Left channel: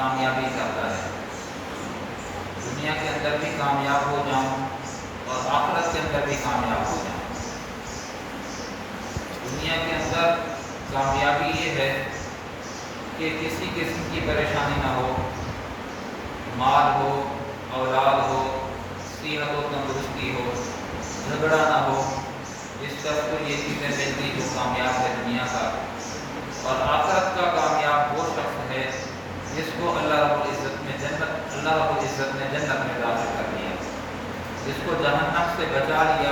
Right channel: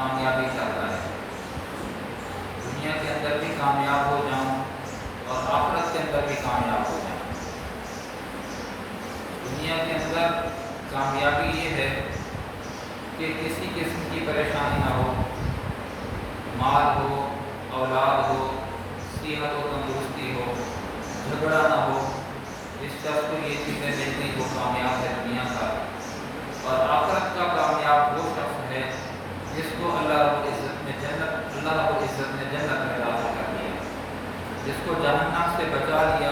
کامیابی چاہتا ہے، دنیا کے اندر بھی کامیاب ہو جاؤں اور آخرت کے اندر بھی کامیاب ہو جاؤں۔ دنیا کے اندر کامیابی یہ ہے کہ کسی قسم کی پریشانی نہ ہو، مال ہو، اولاد ہو، صحت و تندرستی ہو، جھگڑا نہ ہو، جس شخص کو یہ چیزیں ملتی وہ کامیاب ہے دنیا کا۔ اور آخرت کا کامیاب وہ شخص ہے جس کو اللہ رب العزت نے جنت میں داخل کر دیا، جس کو جہنم سے بچا لیا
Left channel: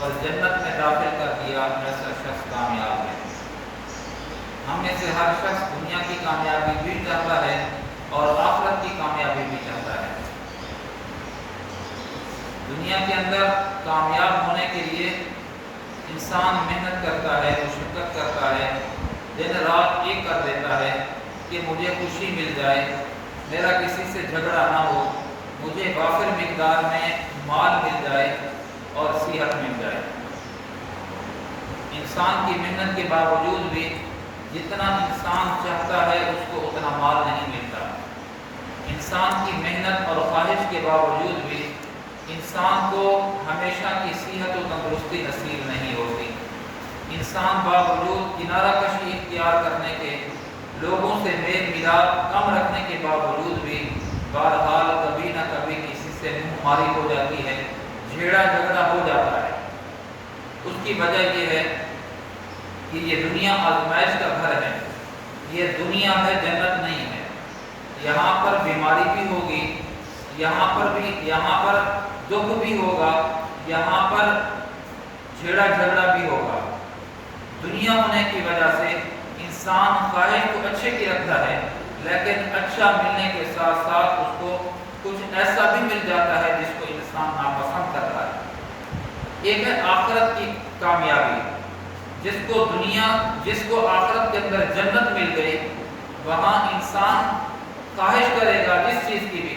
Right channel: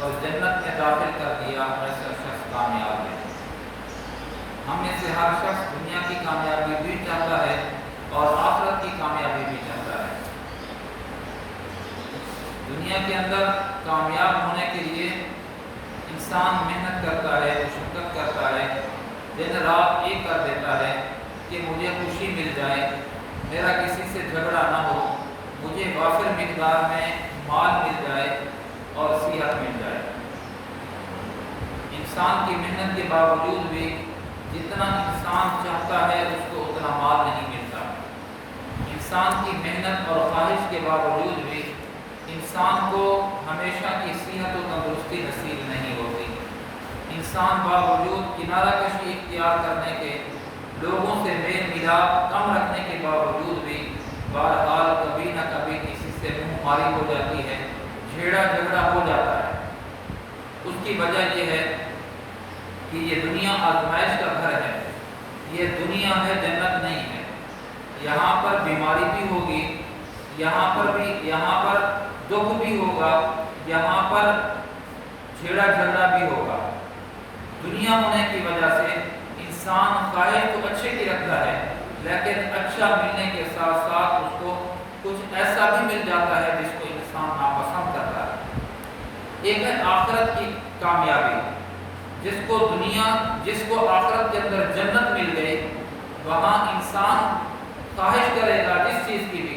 اور جنت میں داخل کر دیا، ایسا شخص کامیاب ہے۔ ہم میں سے ہر شخص دنیا کی کامیابی بھی چاہتا ہے اور آخرت کی کامیابی بھی چاہتا ہے۔ دنیا کے اندر کامیاب ہونے کے لیے انسان محنت کرتا ہے، مشقت کرتا ہے، دن رات ایک کر دیتا ہے کہ مجھے خوشی مل جائے، میرا کسی سے جھگڑا نہ ہو، مجھے وافر مقدار میں مال مل جائے اور صحت مل جائے۔ انسان کی محنت کے باوجود بھی جتنا انسان چاہتا ہے اس کو اتنا مال نہیں ملتا۔ انسان کی محنت اور خواہش کے باوجود بھی انسان کو ہمیشہ کی صحت و تندرستی نصیب نہیں ہوتی۔ انسان باوجود کنارہ کشی اختیار کرنے کے، لوگوں سے میل ملاپ کم رکھنے کے باوجود بھی بہرحال کبھی نہ کبھی کسی سے منہ ماری ہو جاتی ہے، جھیڑا جھگڑا ہو جاتا ہے۔ اس کی وجہ یہ ہے کہ یہ دنیا آزمائش کا گھر ہے، یہ دنیا ہے، جنت نہیں ہے۔ یہاں پر بیماری بھی ہوگی، یہاں پر دکھ بھی ہوگا، یہاں پر جھیڑا جھگڑا بھی ہوگا۔ دنیا ہونے کی وجہ سے انسان خواہش تو اچھے کی رکھتا ہے، لیکن اچھا ملنے کے ساتھ ساتھ اس کو کچھ ایسا بھی مل جاتا ہے جس کو انسان ناپسند کرتا ہے۔ ایک ہے آخرت کی کامیابی، جس کو آخرت کے اندر جنت مل گئی، وہاں انسان خواہش کرے گا جس چیز کی بھی،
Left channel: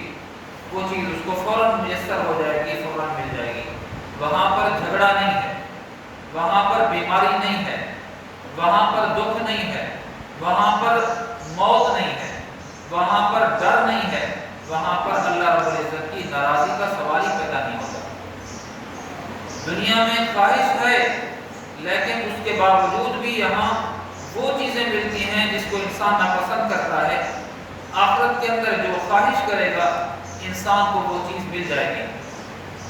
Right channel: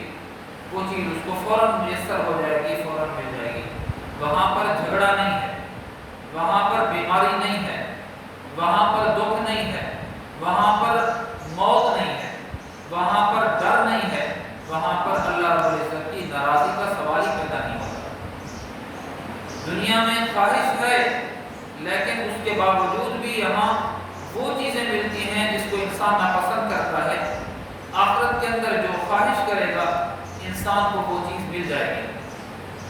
وہ چیز اس کو فوراً میسر ہو جائے گی، فوراً مل جائے گی۔ وہاں پر جھگڑا نہیں ہے، وہاں پر بیماری نہیں ہے، وہاں پر دکھ نہیں ہے، وہاں پر موت نہیں ہے، وہاں پر ڈر نہیں ہے، وہاں پر اللہ رب العزت کی ناراضی کا سوال ہی پیدا نہیں ہوتا۔ دنیا میں خواہش ہے، لیکن اس کے باوجود بھی یہاں وہ چیزیں ملتی ہیں جس کو انسان ناپسند کرتا ہے۔ آخرت کے اندر جو خواہش کرے گا انسان کو وہ چیز مل جائے گی،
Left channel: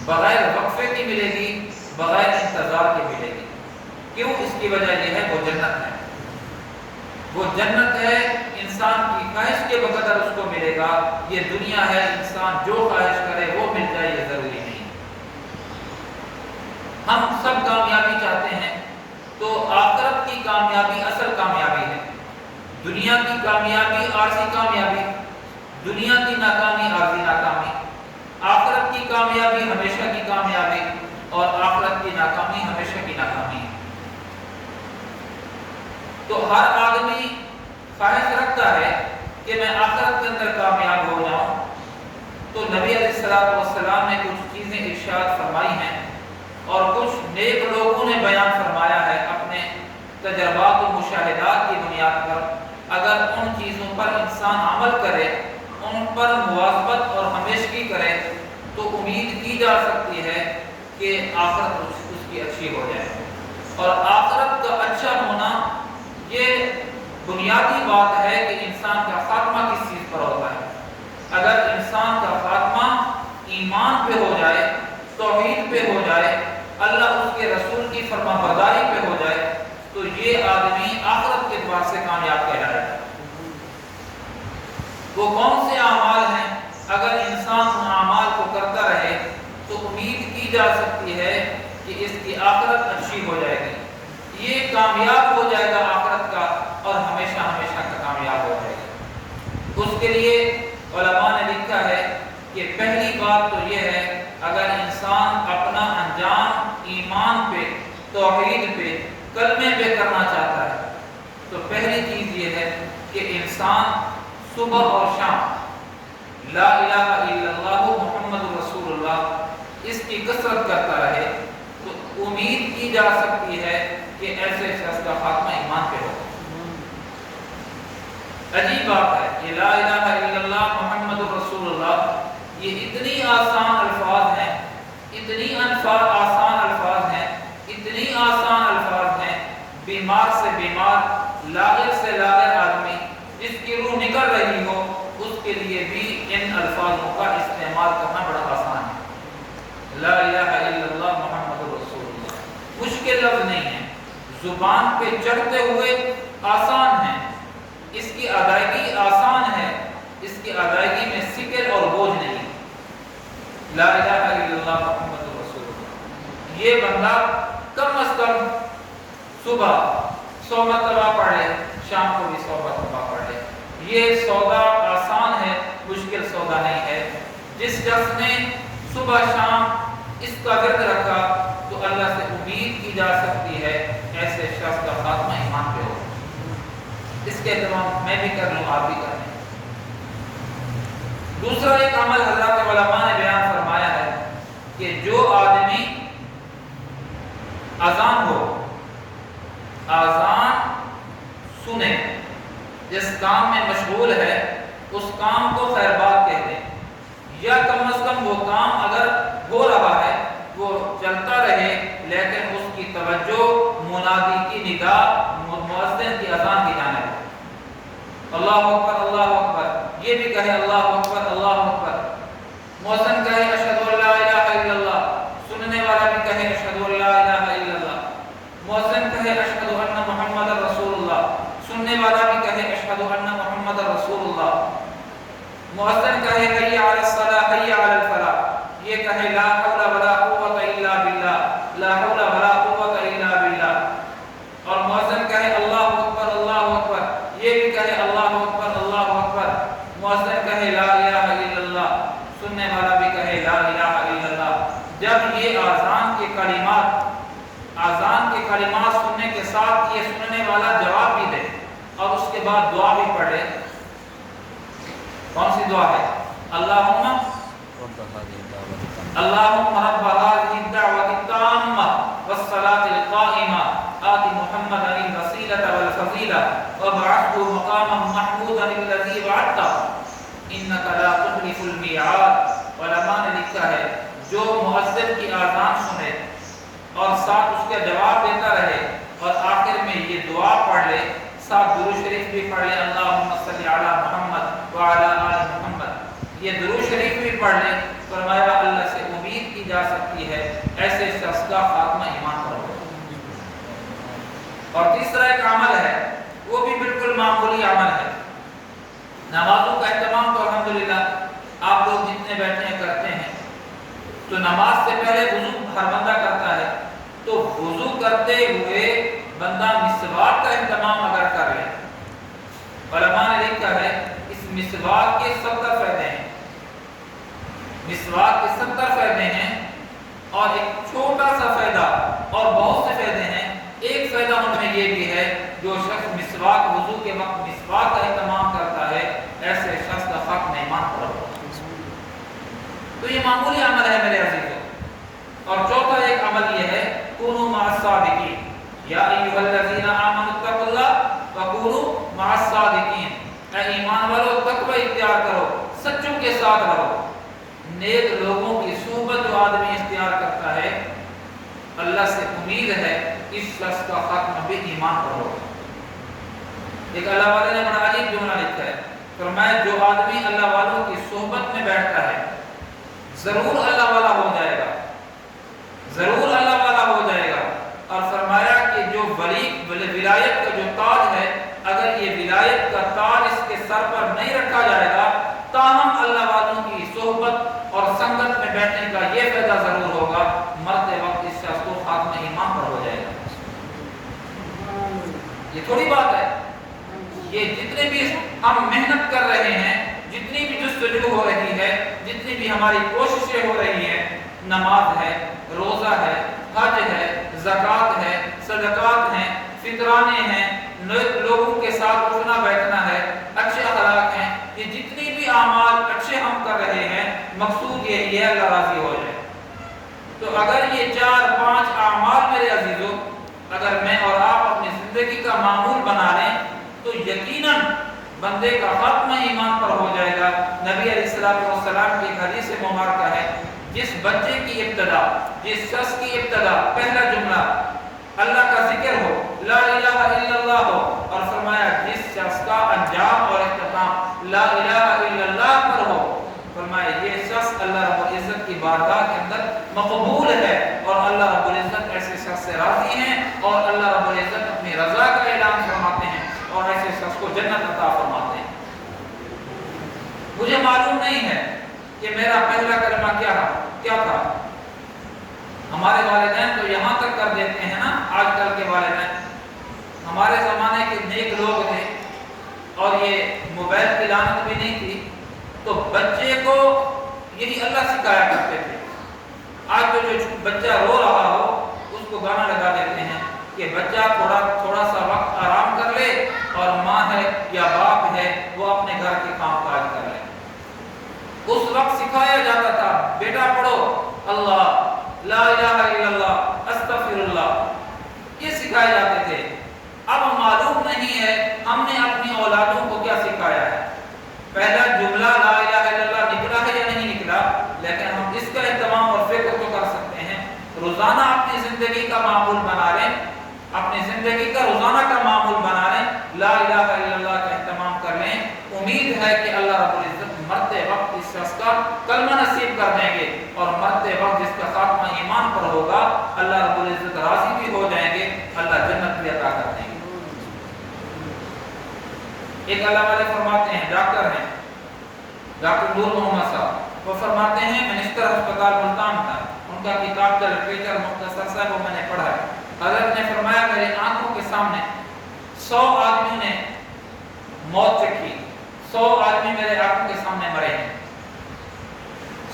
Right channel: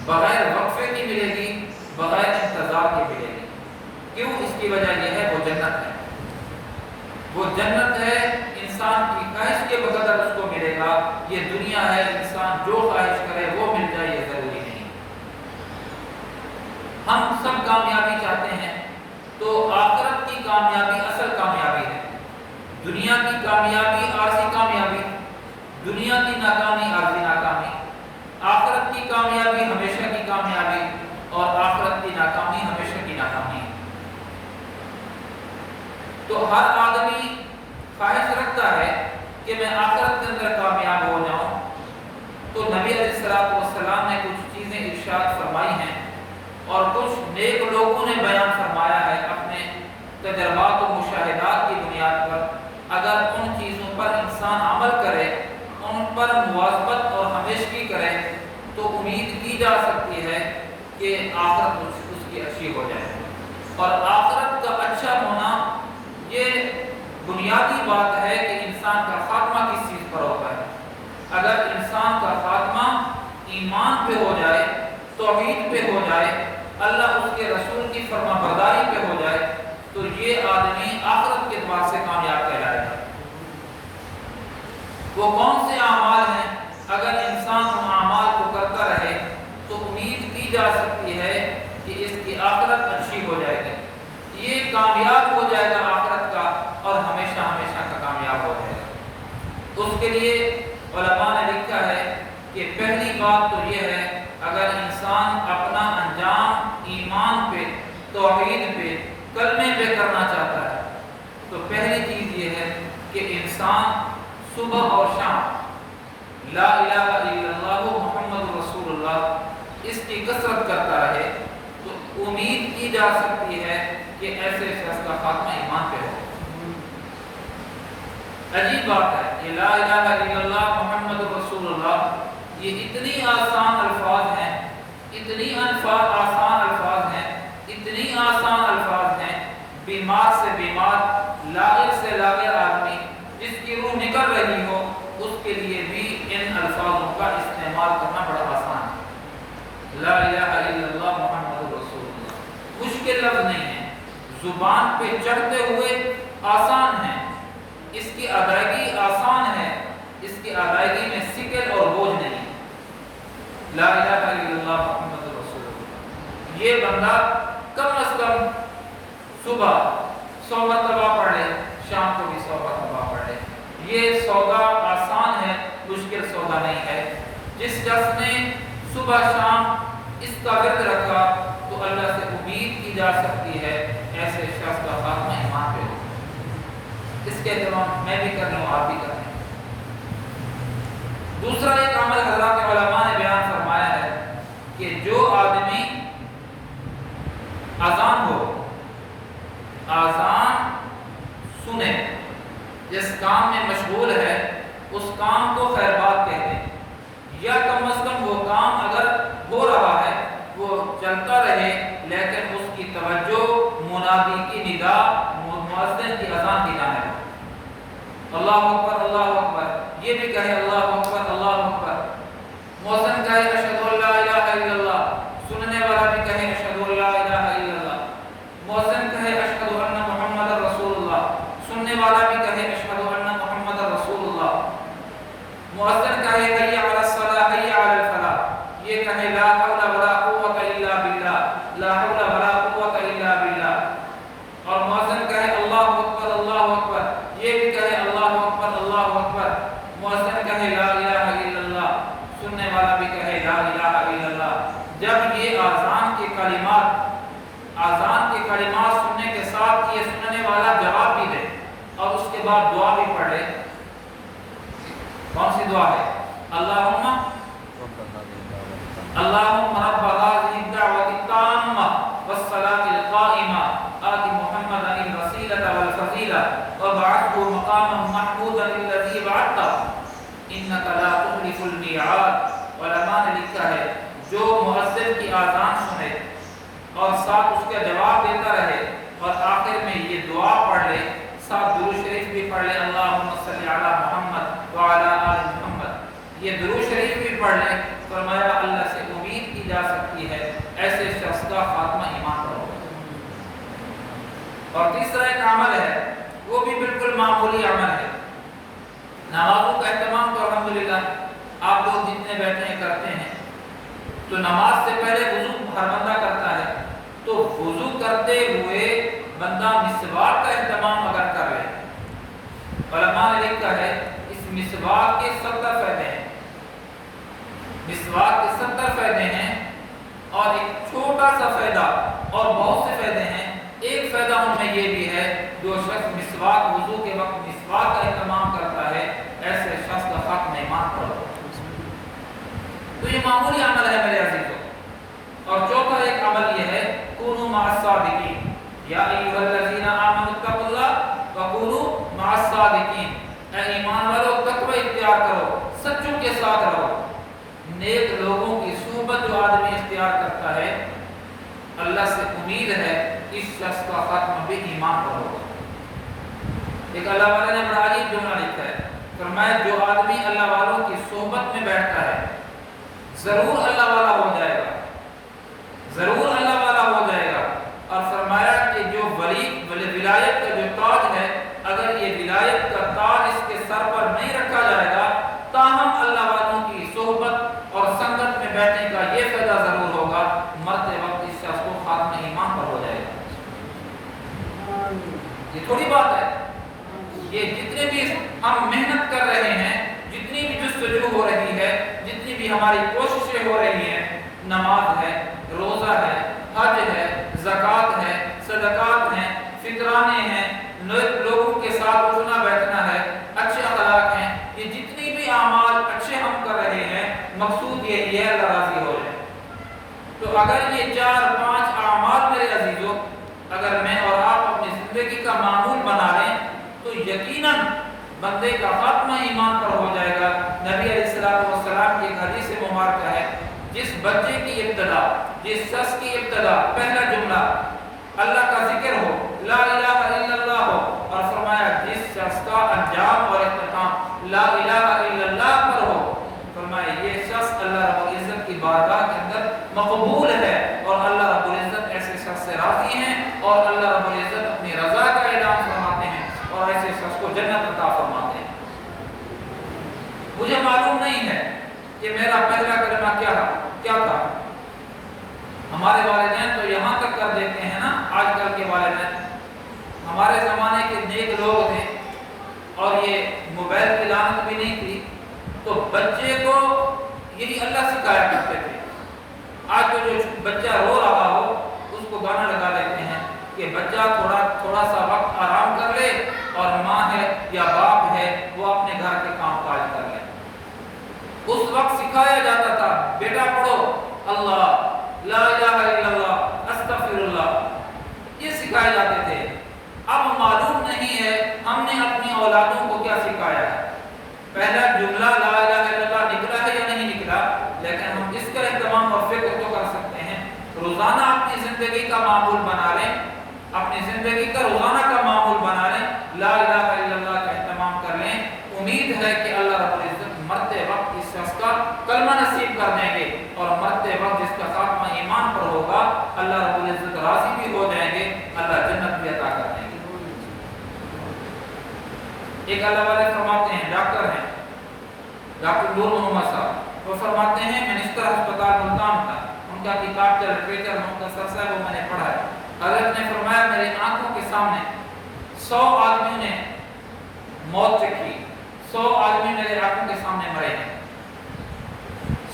بغیر وقفے کی ملے گی، بغیر انتظار کی ملے گی۔ کیوں؟ اس کی وجہ یہ ہے وہ جنت ہے، وہ جنت ہے، انسان کی خواہش کے بقدر اس کو ملے گا۔ یہ دنیا ہے، انسان جو خواہش کرے وہ مل جائے یہ ضروری نہیں۔ ہم سب کامیابی چاہتے ہیں، تو آخرت کی کامیابی اصل کامیابی ہے۔ دنیا کی کامیابی عارضی کامیابی، دنیا کی ناکامی عارضی ناکامی، آخرت کی کامیابی ہمیشہ کی کامیابی اور آخرت کی ناکامی ہمیشہ کی ناکامی ہے۔ تو ہر آدمی خواہش رکھتا ہے کہ میں آخرت کے اندر کامیاب ہو جاؤں۔ تو نبی علیہ السلام نے کچھ چیزیں ارشاد فرمائی ہیں اور کچھ نیک لوگوں نے بیان فرمایا ہے اپنے تجربات و مشاہدات کی بنیاد پر۔ اگر ان چیزوں پر انسان عمل کرے، ان پر مواظبت اور ہمیشگی کرے، تو امید کی جا سکتی ہے کہ آخرت اس کی اچھی ہو جائے۔ اور آخرت کا اچھا ہونا یہ بنیادی بات ہے کہ انسان کا خاتمہ کس چیز پر ہوتا ہے۔ اگر انسان کا خاتمہ ایمان پہ ہو جائے، توحید پہ ہو جائے، اللہ اس کے رسول کی فرما برداری پہ ہو جائے، تو یہ آدمی آخرت کے اعتبار سے کامیاب کہلائے گا۔ وہ کون سے اعمال ہیں؟ اگر انسان ان اعمال کو کرتا رہے تو امید کی جا سکتی ہے کہ اس کی آخرت اچھی ہو جائے گی، یہ کامیاب ہو جائے گا آخرت کا، اور ہمیشہ ہمیشہ کا کامیاب ہو جائے گا۔ اس کے لیے علماء نے لکھا ہے کہ پہلی بات تو یہ ہے، اگر انسان اپنا انجام ایمان پہ، توحید پہ، کلمے پہ کرنا چاہتا ہے، تو پہلی چیز یہ ہے کہ انسان صبح اور شام لا الہ الا اللہ محمد رسول اللہ اس کی کثرت کرتا رہے، تو امید کی جا سکتی ہے کہ ایسے شخص کا خاتمہ ایمان پہ ہو۔ عجیب بات ہے، یہ لا الہ الا اللہ محمد رسول اللہ، یہ اتنی آسان الفاظ ہیں، اتنی آسان الفاظ ہیں، اتنی آسان الفاظ ہیں، بیمار سے بیمار، لاغر سے لاغر آدمی جس کی روح نکل رہی ہو اس کے لیے بھی ان الفاظوں کا استعمال کرنا بڑا آسان ہے۔ لا الہ الا اللہ محمد رسول اللہ مشکل لفظ نہیں ہے، زبان پہ چڑھتے ہوئے آسان ہے، اس کی ادائیگی آسان ہے، اس کی ادائیگی میں ثقل اور بوجھ نہیں۔ لا الہ الا اللہ محمد رسول اللہ یہ بندہ کم از کم صبح 100 مرتبہ پڑھے، شام کو بھی 100 مرتبہ پڑھے۔ یہ سودا آسان ہے، مشکل سودا نہیں ہے۔ جس شخص نے صبح شام اس کا ورد رکھا تو اللہ سے امید کی جا سکتی ہے ایسے شخص کا خاتمہ ایمان پہ ہو۔ اس کے اہتمام میں بھی کر لوں، آپ بھی کر لیں۔ دوسرا ایک عمل حضرات علماء نے بیان فرمایا ہے کہ جو آدمی اذان ہو، اذان سنے، جس کام میں مشغول ہے اس کام کو خیر بات کہتے ہیں، یا کم از کم وہ کام اگر ہو رہا ہے وہ چلتا رہے لیکن اس کی توجہ منادی کی ندا، مؤذن کی اذان کی جانب، اللہ اکبر اللہ اکبر، یہ بھی کہے اللہ اکبر اللہ اکبر، مؤذن کہے اشہد ان لا الہ الا اللہ، سننے والا بھی کہے اشہد ان لا الہ الا اللہ، مؤذن کہے اشہد ان محمد رسول اللہ، سننے والا بھی کہے اشہد ان محمد رسول اللہ، مؤذن کہے حی علی الصلاۃ حی علی الفلاح، یہ کہے لا حول ولا قوۃ الا باللہ، لا حول ولا قوۃ الا باللہ، اور مؤذن کہے اللہ اکبر، یہ بھی کہے اللہ اکبر، مؤذن کہے لا الہ الا اللہ، سننے والا بھی کہے لا الہ الا اللہ۔ جب یہ اذان کے کلمات سننے کے ساتھ یہ سننے والا جواب بھی دے اور اس کے بعد دعا بھی پڑھ لے، کون سی دعا ہے؟ اللہم رب هذه الدعوة التامة والصلاة القائمة آت محمدا الوسيلة والفضيلة وابعثه مقاما محمودا الذي وعدته إنك لا تخلف الميعاد۔ علماء نے لکھا ہے جو مؤذن کی اذان سنے اور ساتھ اس کا جواب دیتا رہے اور آخر میں یہ دعا پڑھ لے، ساتھ درود شریف بھی پڑھ لے، اللہم صلی علی محمد وعلی آل محمد، یہ درود شریف بھی پڑھ لے، فرمایا اللہ سے امید کی جا سکتی ہے ایسے شخص کا خاتمہ ایمان پر ہوگا۔ اور تیسرا ایک عمل ہے، وہ بھی بالکل معمولی عمل ہے، نمازوں کا اہتمام تو الحمدللہ آپ لوگ جتنے بیٹھے ہیں کرتے ہیں، تو نماز سے پہلے وضو ہر بندہ کرتا ہے، تو وضو کرتے ہوئے بندہ مسواک کا اہتمام اگر کر لے، علماء نے لکھا ہے اس مسواک کے 70 فائدے ہیں، مسواک کے 70 فائدے ہیں، اور ایک چھوٹا سا فائدہ اور بہت سے فائدے ہیں، ایک فائدہ ان میں یہ بھی ہے جو شخص مسواک وضو کے وقت مسواک کا اہتمام کرتا ہے ایسے شخص کا خاتمہ ایمان پر ہوگا۔ تو یہ معمولی عمل ہے میرے عزیزو۔ اور چوتھا ایک عمل یہ ہے کونوا مع الصادقین، یا ایھا الذین آمنوا اتقوا اللہ وکونوا مع الصادقین، اے ایمان والو تقوی اختیار کرو، سچوں کے ساتھ رہو۔ نیک لوگوں کی صحبت جو آدمی اختیار کرتا ہے اللہ سے امید ہے اس شخص کا خاتمہ بھی ایمان پر ہوگا۔ ایک اللہ والے نے بڑا عجیب جملہ لکھا ہے، فرمایا جو آدمی اللہ والوں کی صحبت میں بیٹھتا ہے ضرور اللہ والا ہو جائے گا، ضرور اللہ والا ہو جائے گا۔ اور فرمایا کہ جو ولایت کا جو تاج ہے، اگر یہ ولایت کا تاج اس کے سر پر نہیں رکھا جائے گا تاہم اللہ والوں کی صحبت اور سنگت میں بیٹھنے کا یہ فائدہ ضرور ہوگا، مرتے وقت اس شخص کو خاتمہ ایمان پر ہو جائے گا۔ یہ تھوڑی بات ہے، یہ جتنے بھی ہم محنت کر رہے ہیں، جتنی بھی جستجو ہو رہی ہے، جتنی بھی ہماری کوششیں ہو رہی ہیں، نماز ہے، روزہ ہے، حج ہے، زکوٰۃ ہے، صدقات ہیں، فطرانے ہیں، لوگوں کے ساتھ اٹھنا بیٹھنا ہے، اچھے اخلاق ہیں، یہ جتنی بھی اعمال اچھے ہم کر رہے ہیں مقصود یہی ہے اللہ راضی ہو جائے۔ تو اگر یہ 4-5 اعمال میرے عزیزو اگر میں اور آپ اپنی زندگی کا معمول بنا لیں تو یقیناً بندے کا خاتمہ ایمان پر ہو جائے گا۔ نبی علیہ السلام کی ایک حدیث مبارکہ ہے، جس بچے کی ابتدا، جس شخص کی ابتدا پہلا جملہ اللہ کا ذکر ہو، لا الہ الا اللہ ہو، اور فرمایا جس شخص کا انجام اور اختتام لا الہ الا اللہ پر ہو، فرمایا یہ شخص اللہ رب العزت کی بارگاہ کے اندر مقبول ہے، اور اللہ رب العزت ایسے شخص سے راضی ہیں، اور اللہ رب العزت اپنی رضا کا اعلان فرماتے ہیں، اور ایسے شخص کو جنت عطا فرماتے ہیں۔ مجھے معلوم نہیں ہے کہ میرا پہلا کلمہ کیا تھا۔ ہمارے والدین تو یہاں تک کر دیتے ہیں نا، آج کل کے والدین، ہمارے زمانے کے نیک لوگ تھے اور یہ موبائل کی لعنت بھی نہیں تھی، تو بچے کو یہی اللہ سکھایا کرتے تھے۔ آج تو جو بچہ رو رہا ہو اس کو گانا لگا دیتے ہیں کہ بچہ تھوڑا سا وقت آرام کر لے، اور ماں ہے یا باپ ہے وہ اپنے گھر کے کام کاج کر لے۔ اس وقت سکھایا جاتا تھا بیٹا پڑھو اللہ، لا الہ الا اللہ، استغفر اللہ، یہ سکھائے جاتے تھے۔ اب معلوم نہیں ہے ہم نے اپنی اولادوں کو کیا سکھایا ہے۔ پہلا جملہ لا الہ الا اللہ نکلا ہے یا نہیں نکلا، لیکن ہم اس کا اہتمام اور فکر تو کر سکتے ہیں۔ روزانہ اپنی زندگی کا معمول بنا لیں، اپنی زندگی کا روزانہ کا معمول بنا لیں، لا الہ الا اللہ کا اہتمام کر لیں۔ امید ہے کہ اللہ رب العزت مرتے وقت اس شخص کا کلمہ نصیب کر دیں گے، اور مرتے وقت جس کا خاتمہ ایمان پر ہوگا اللہ رب العزت راضی بھی ہو جائیں گے، اللہ جنت بھی عطا کر دیں گے۔ ایک اللہ والے فرماتے ہیں، ڈاکٹر ہیں، ڈاکٹر نور محمد صاحب، وہ فرماتے ہیں منسٹر ہسپتال ملتان تھا، ان کا کتاب کا لٹریچر مختصر سا ہے وہ میں نے پڑھا ہے۔ حضرت نے فرمایا میرے آنکھوں کے سامنے 100 آدمیوں نے موت چکھی، 100 آدمی میرے آنکھوں کے سامنے مرے ہیں،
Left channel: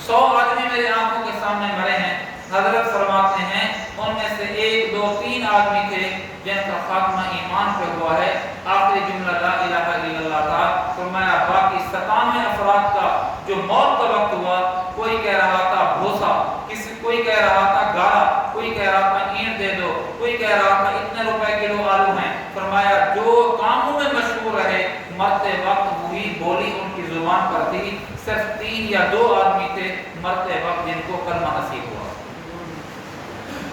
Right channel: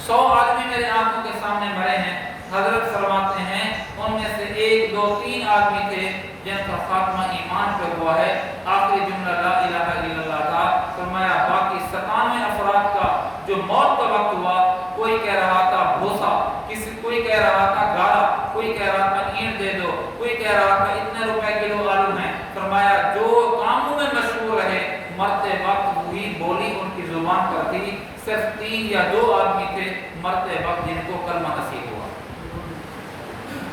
100 آدمی میرے آنکھوں کے سامنے مرے ہیں۔ حضرت فرماتے ہیں ان میں سے 1 2 3 آدمی تھے جن کا خاتمہ ایمان پہ ہوا ہے، آخری جملہ لا الہ الا اللہ تھا۔ فرمایا باقی 97 افراد کا جو موت کا وقت ہوا، کوئی کہہ رہا تھا بھوسا، کوئی کہہ رہا تھا گارا، کوئی کہہ رہا تھا اینٹ دے دو، کوئی کہہ رہا تھا اتنے روپے کلو آلو ہیں۔ فرمایا جو کاموں میں مشہور رہے مرتے وقت وہی بولی ان کی زبان پر تھی، صرف 3 یا 2 آدمی تھے مرتے وقت جن کو کلمہ نصیب ہوا۔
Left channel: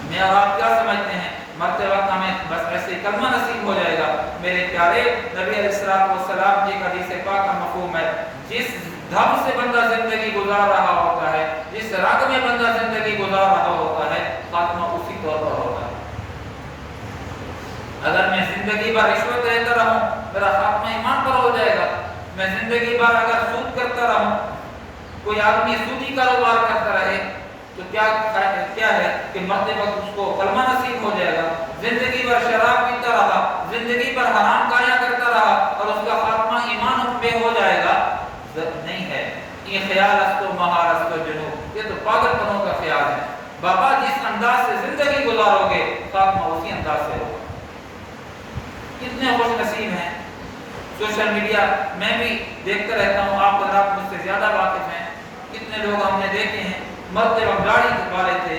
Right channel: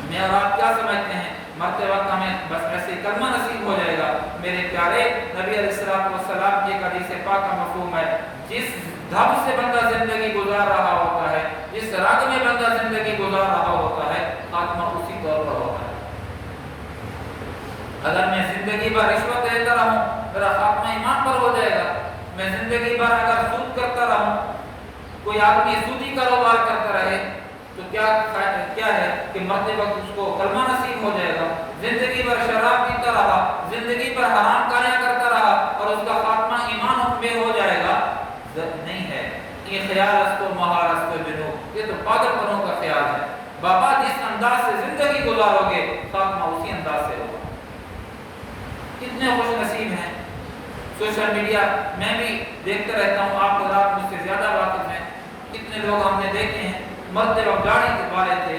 میں اور آپ کیا سمجھتے ہیں مرتے وقت ہمیں بس ایسے کلمہ نصیب ہو جائے گا؟ میرے پیارے نبی علیہ السلام کی ایک حدیث پاک کا مفہوم ہے، جس ڈھب سے بندہ زندگی گزار رہا ہوتا ہے، جس رگ میں بندہ زندگی گزار رہا ہوتا ہے، خاتمہ اسی طور پر ہوتا ہے۔ اگر میں زندگی بھر رشوت لیتا رہوں میرا خاتمہ ایمان پر ہو جائے گا۔ میں زندگی بھر اگر سود کرتا رہوں، کوئی آدمی سودی کاروبار کرتا رہے تو کیا ہے کہ مرتے وقت اس کو کلمہ نصیب ہو جائے گا۔ زندگی بھر شراب پیتا رہا، زندگی بھر حرام کاریاں کرتا رہا اور اس کا خاتمہ ایمان پہ ہو جائے گا؟ نہیں ہے۔ یہ خیال استو مہارستو جنوب، یہ تو پاگل پنوں کا خیال ہے۔ بابا جس انداز سے زندگی گزارو گے خاتمہ اسی انداز سے ہوگا۔ کتنے خوش نصیب ہیں۔ سوشل میڈیا میں بھی دیکھتا رہتا ہوں، آپ حضرات مجھ سے زیادہ واقف ہیں، کتنے لوگ ہم نے دیکھے ہیں مرتے وقت داڑھی والے تھے،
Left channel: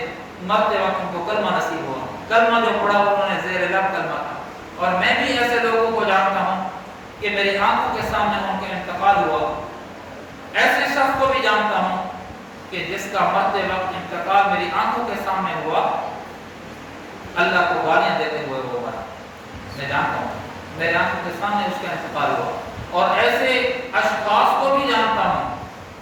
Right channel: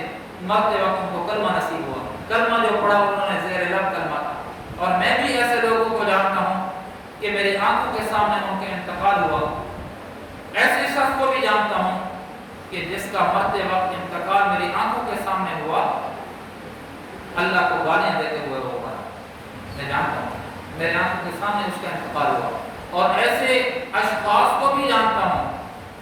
مرتے وقت ان کو کلمہ نصیب ہوا، کلمہ جو پڑھا انہوں نے زیر لب کلمہ تھا۔ اور میں بھی ایسے لوگوں کو جانتا ہوں کہ میری آنکھوں کے سامنے ان کا انتقال ہوا۔ ایسے شخص کو بھی جانتا ہوں کہ جس کا مرتے وقت انتقال میری آنکھوں کے سامنے ہوا، اللہ کو گالیاں دیتے ہوئے وہ بنا، میں جانتا ہوں، میرے آنکھوں کے سامنے اس کا انتقال ہوا۔ اور ایسے اشخاص کو بھی جانتا ہوں،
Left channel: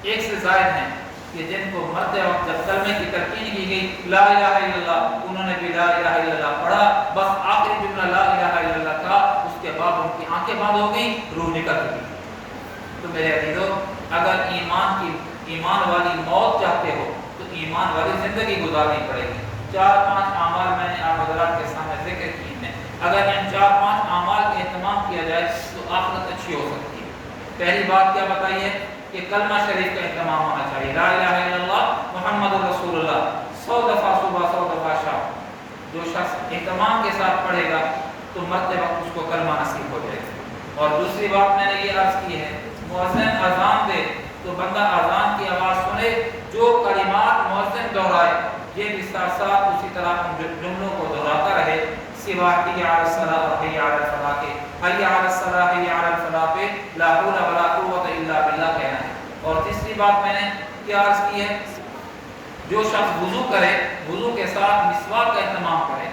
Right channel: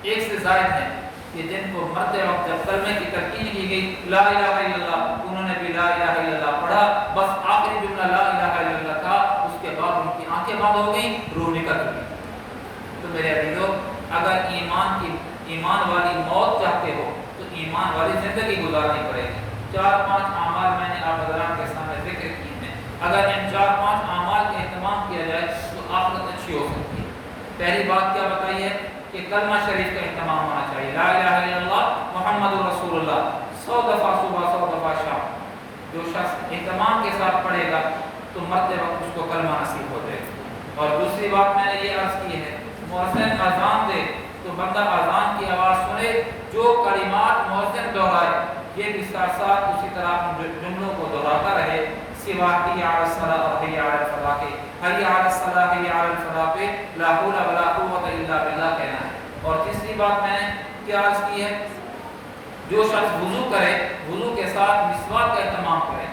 1 سے زائد ہیں، کہ جن کو مرتے وقت جب کلمے کی تلقین کی گئی لا الہ الا اللہ، انہوں نے بھی لا الہ الا اللہ پڑھا، بس آخری جملہ لا الہ الا اللہ تھا، اس کے بعد ان کی آنکھیں بند ہو گئیں، روح نکل چکی۔ تو میرے عزیزو، اگر ایمان والی موت چاہتے ہو تو ایمان والی زندگی گزارنی پڑے گی۔ 4-5 اعمال میں نے آپ حضرات کے سامنے ذکر کیے ہیں، اگر ان 4-5 اعمال کا اہتمام کیا جائے تو آخرت اچھی ہو سکتی ہے۔ پہلی بات کیا بتائی ہے کہ کلمہ شریف کا اہتمام ہونا چاہیے، لا الہ الا اللہ محمد رسول اللہ، 100 دفعہ صبح 100 دفعہ شام۔ جو شخص اہتمام کے ساتھ پڑھے گا تو مرتے وقت اس کو کلمہ نصیب ہو جائے گا۔ اور دوسری بات میں نے یہ عرض کی ہے، مؤذن اذان دے تو بندہ اذان کی آواز سنے، جو کلمات مؤذن دہرائے یہ بھی ساتھ اسی طرح جملوں کو دہراتا رہے، سوا حی علی الصلاۃ اور حی علی الفلاح کے حی علی الصلاح حی علی الفلاح پہ لا حول ولا قوت الا باللہ کہنا ہے۔ اور تیسری بات میں نے کیا عرض کی ہے، جو شخص وضو کرے وضو کے ساتھ مسواک کا اہتمام کرے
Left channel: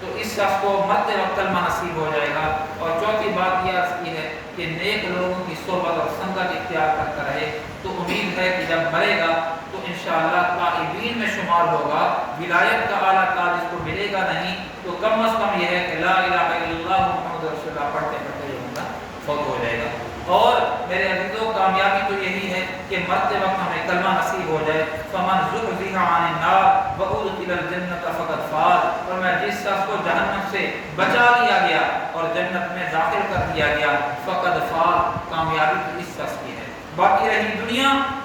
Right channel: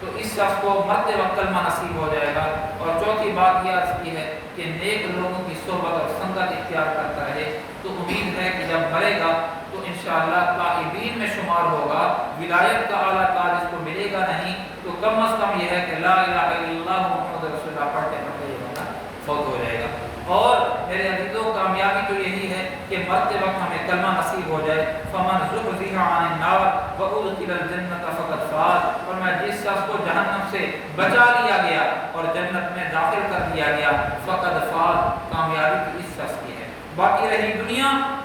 تو اس شخص کو مرتے وقت کلمہ نصیب ہو جائے گا۔ اور چوتھی بات یہ عرض کی ہے کہ نیک لوگوں کی صحبت اور سنگت اختیار کرتا رہے تو امید ہے کہ جب مرے گا تو انشاءاللہ تائبین میں شمار ہوگا۔ ولایت کا اعلیٰ تاج اس کو ملے گا نہیں تو کم از کم یہ ہے کہ لا الہ الا اللہ محمد رسول اللہ پڑھتے پڑھتے یہ بندہ فوت ہو جائے گا۔ اور میرے عزیزوں کامیابی تو یہی ہے کہ مرتے وقت ہمیں کلمہ نصیب ہو جائے۔ فمن زحزح عن النار وادخل الجنة فقد فاز، اور میں جس شخص کو جہنم سے بچا لیا گیا اور جنت میں داخل کر دیا گیا فقد فاز، کامیابی تو اس شخص کی ہے۔ باقی رہی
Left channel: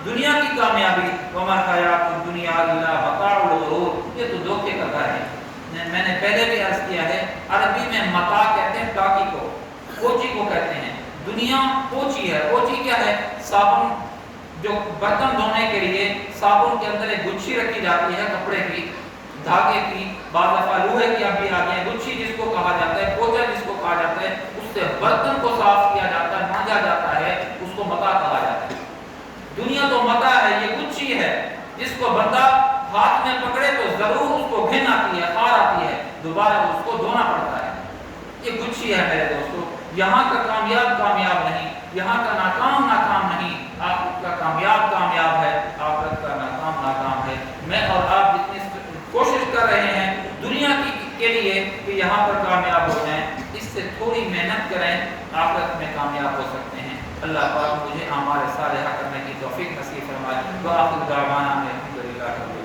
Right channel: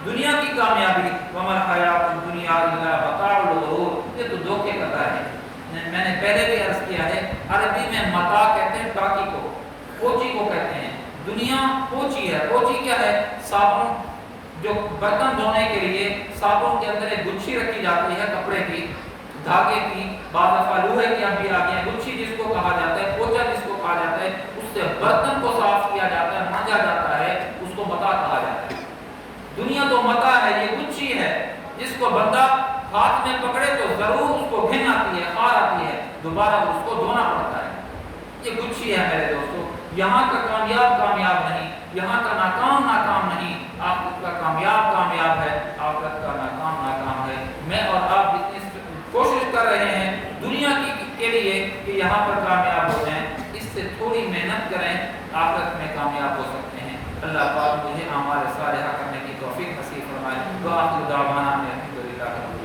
دنیا کی کامیابی، وما الحیات الدنیا الا متاع الغرور، یہ تو دھوکے کا گھر ہے۔ میں نے پہلے بھی عرض کیا ہے، عربی میں متاع کہتے ہیں ٹاکی کو، کوچی کو کہتے ہیں۔ دنیا کوچی ہے۔ کوچی کیا ہے؟ صابن، جو برتن دھونے کے لیے صابن کے اندر ایک گچھی رکھی جاتی ہے کپڑے کی، دھاگے کی، بعض دفعہ لوہے کی اب بھی آ گئی ہے، گچھی جس کو کہا جاتا ہے، پوچا جس کو کہا جاتا ہے، اس سے برتن کو صاف کیا جاتا ہے، مانجا جاتا ہے، اس کو متاع کہا جاتا ہے۔ دنیا تو متاع ہے، یہ گچھی ہے جس کو بندہ ہاتھ میں پکڑے تو ضرور اس کو گھن آتی ہے، خار آتی ہے، دوبارہ اس کو دھونا پڑتا ہے۔ یہ گچھی ہے میرے دوستو۔ یہاں کا کامیاب نہیں، یہاں کا ناکام نہیں، آخرت کا کامیاب ہے، آخرت کا ناکام ہے۔ میں اور آپ جتنی کوشش کر رہے ہیں دنیا کے لیے کہ یہاں پر کامیاب ہو جائیں، اس سے تھوڑی محنت کریں، آخرت میں کامیاب ہو سکتے ہیں۔ اللہ پاک مجھے اعمال صالحہ کرنے کی توفیق نصیب فرمائے۔ وآخر دعوانا الحمدللہ۔